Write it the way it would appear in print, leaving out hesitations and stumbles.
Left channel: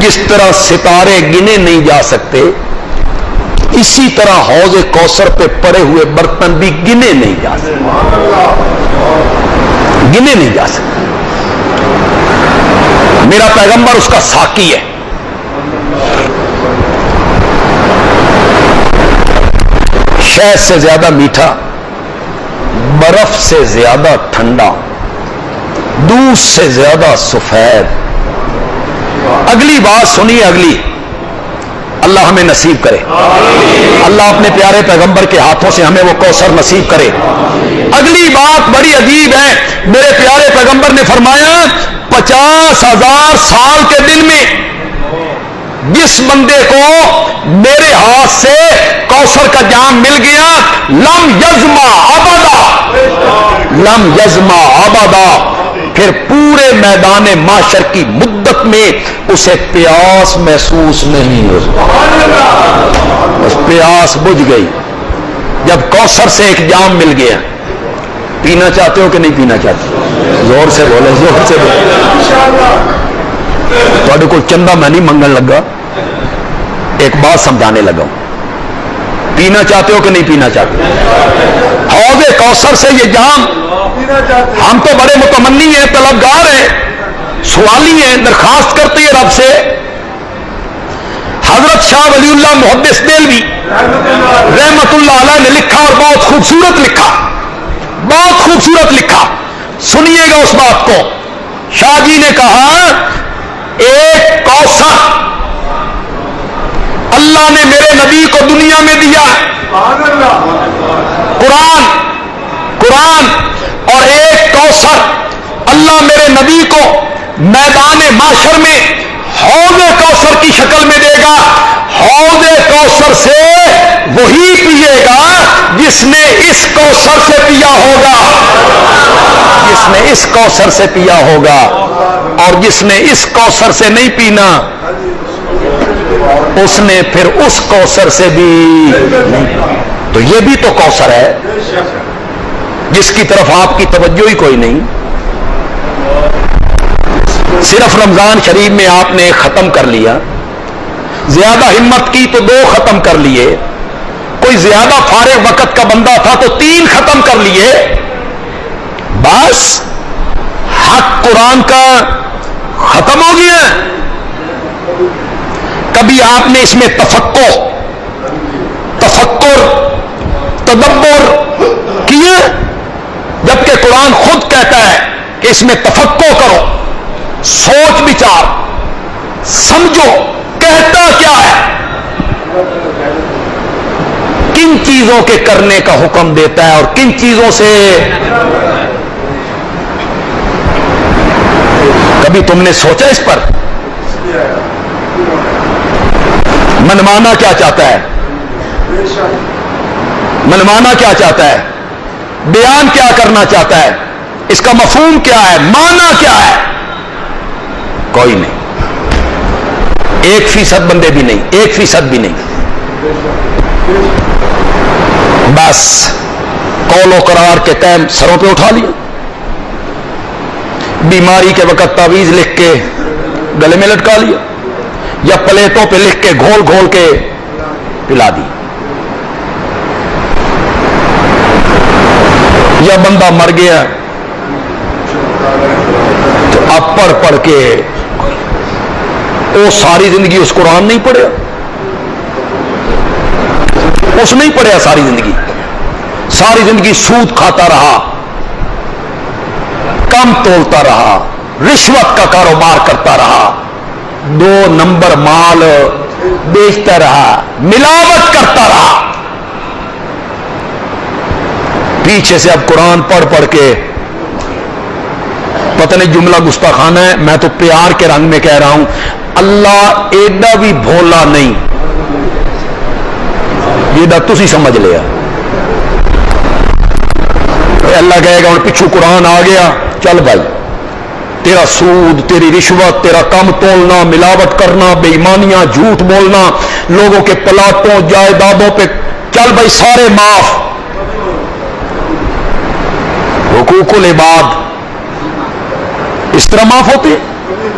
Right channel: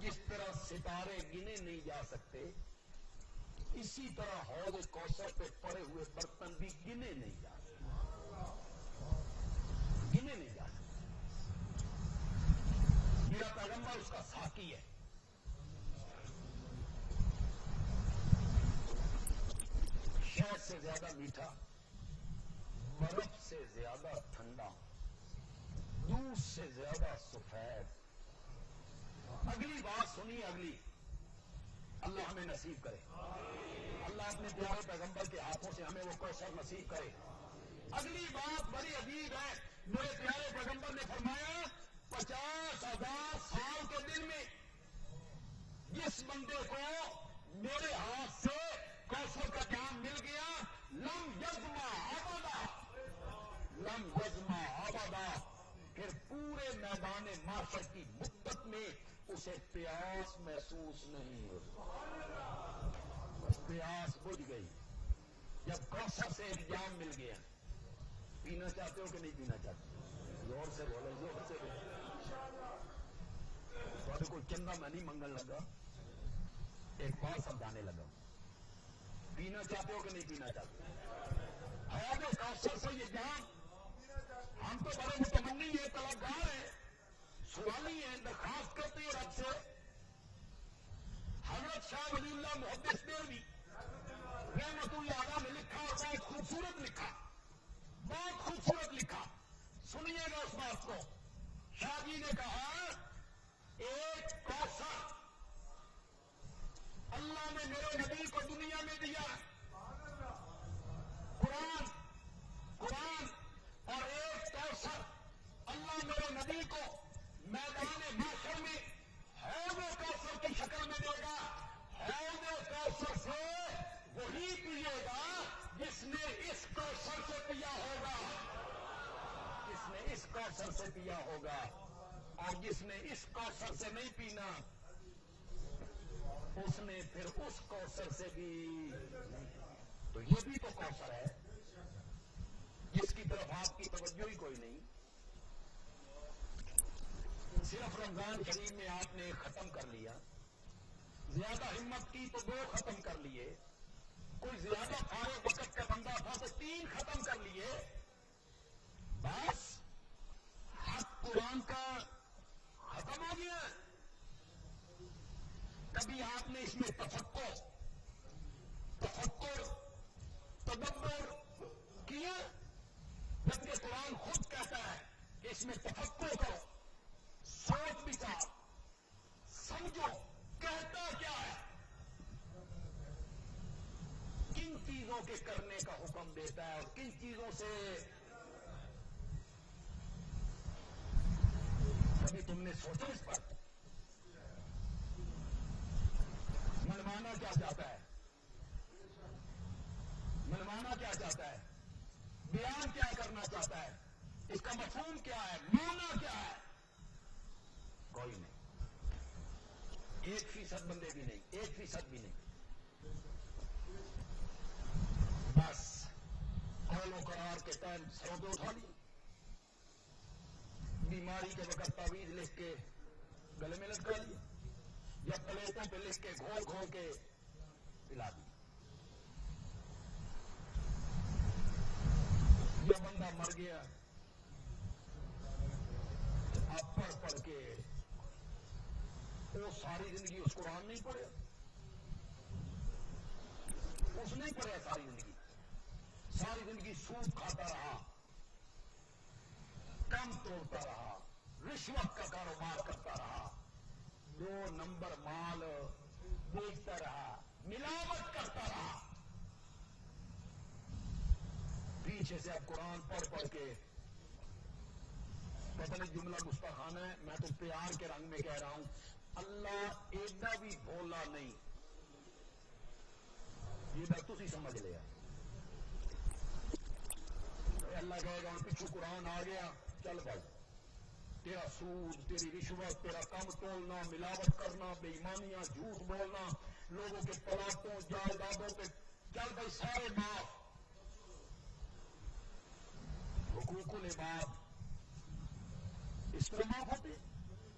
جس طرح ستارے گنے نہیں جا سکتے، اسی طرح حوض کوثر پہ پڑے ہوئے برتن بھی گنے نہیں جا سکتے، گنے نہیں جا سکتے۔ میرا پیغمبر اس کا ساقی ہے۔ شہد سے زیادہ میٹھا، برف سے زیادہ ٹھنڈا، دودھ سے زیادہ سفید۔ اگلی بات سنیے، اگلی، اللہ ہمیں نصیب کرے، اللہ اپنے پیارے پیغمبر کے ہاتھوں سے ہمیں وہ کوثر نصیب کرے۔ اگلی بات بڑی عجیب ہے، میرے پیارے پیغمبر نے فرمایا 50,000 سال کے دن میں جس بندے کو میرے ہاتھ سے کوثر کا جام مل گیا، لم یزما ابدا، لم یزما ابدا، پھر پورے میدان معاشر کی مدت میں اسے پیاس محسوس نہیں ہوگی، بس پیاس بجھ گئی جب کوثر سے ایک جام مل گیا۔ پینا چاہتے ہو کہ نہیں پینا چاہتے؟ زور سے بولے، زور سے بولے۔ تھوڑے کو چندہ میں نہیں منگن لگا، ایک بات سمجھانے لگا ہوں۔ پینا چاہتے ہو کہ نہیں پینا چاہتے؟ حوض کوثر سے یہ جام، ہم تو بڑے متمنی ہیں، طلبگار ہیں، سوالی ہیں، درخواست کرتے ہیں رب سے۔ حضرت شاہ ولی اللہ محدث دہلوی رحمت اللہ علیہ نے لکھا، اور بہت خوبصورت لکھا، بہت خوبصورت لکھا، سنیے گا اس بات کو۔ شاہ جی نے کہا ایک کوثر اللہ نے میرے نبی کو دنیا میں دیا، قرآن، اور ایک کوثر اللہ میرے نبی کو میدان معاشر میں حوض کوثر کی شکل میں دے گا۔ حوض کوثر سے وہی پیے گا جس نے اس کوثر سے پیا ہوگا، جس نے اس کوثر سے پیا ہوگا، اور جس نے اس کوثر سے نہیں پینا اس نے پھر اس کوثر سے بھی نہیں۔ تو یہ بھی تو کوثر ہے جس کی طرف آپ کی توجہ ہی کوئی نہیں۔ صرف رمضان شریف میں آپ نے ختم کر لیا، زیادہ ہمت کی تو 2 ختم کر لیے، کوئی زیادہ فارغ وقت کا بندہ تھا تو 3 ختم کر لیے، بس حق قرآن کا ختم ہو گیا۔ کبھی آپ نے اس میں تفکر، تدبر کیے؟ جبکہ قرآن خود کہتا ہے کہ اس میں تفکر کرو، سوچ بچار، سمجھو کہتا کیا ہے، کن چیزوں کے کرنے کا حکم دیتا ہے اور کن چیزوں سے۔ کبھی تم نے سوچا اس پر؟ منمانا کیا چاہتا ہے؟ منمانا کیا چاہتا ہے؟ بیان کیا کرنا چاہتا ہے؟ اس کا مفہوم کیا ہے؟ معنی کیا ہے؟ کوئی نہیں، 1% بندے بھی نہیں، 1% بھی نہیں۔ بس قول و قرار کے قائم سروں پہ اٹھا لیا، بیماری کے وقت تعویذ لکھ کے گلے میں لٹکا لیا، یا پلیٹوں پہ لکھ کے گھول گھول کے پلا دی، یا بندہ مر گیا تو اب پڑھ کے وہ ساری زندگی اس قرآن نہیں پڑھیا، اس نہیں پڑھیا ساری زندگی سود کھاتا رہا، کم تولتا رہا، رشوت کا کاروبار کرتا رہا، 2 نمبر مال بیچتا رہا، ملاوٹ کرتا رہا، پیچھے سے اب قرآن پڑھ کے پتہ نہیں جملہ گستاخانہ ہے، میں تو پیار کے رنگ میں کہہ رہا ہوں، اللہ ایڈا بھی بھولا نہیں، یہ تسی سمجھ لیا۔ اللہ کہے گا ہوں پچھو قرآن آ گیا، چل بھائی تیرا سود، تیری رشوت، تیرا کم تولنا، ملاوٹ کرنا، بے ایمانیاں، جھوٹ بولنا، لوگوں کے پلاٹوں جائیدادوں پہ، چل بھائی سارے معاف۔ حقوق العباد اس طرح معاف ہوتے ہیں؟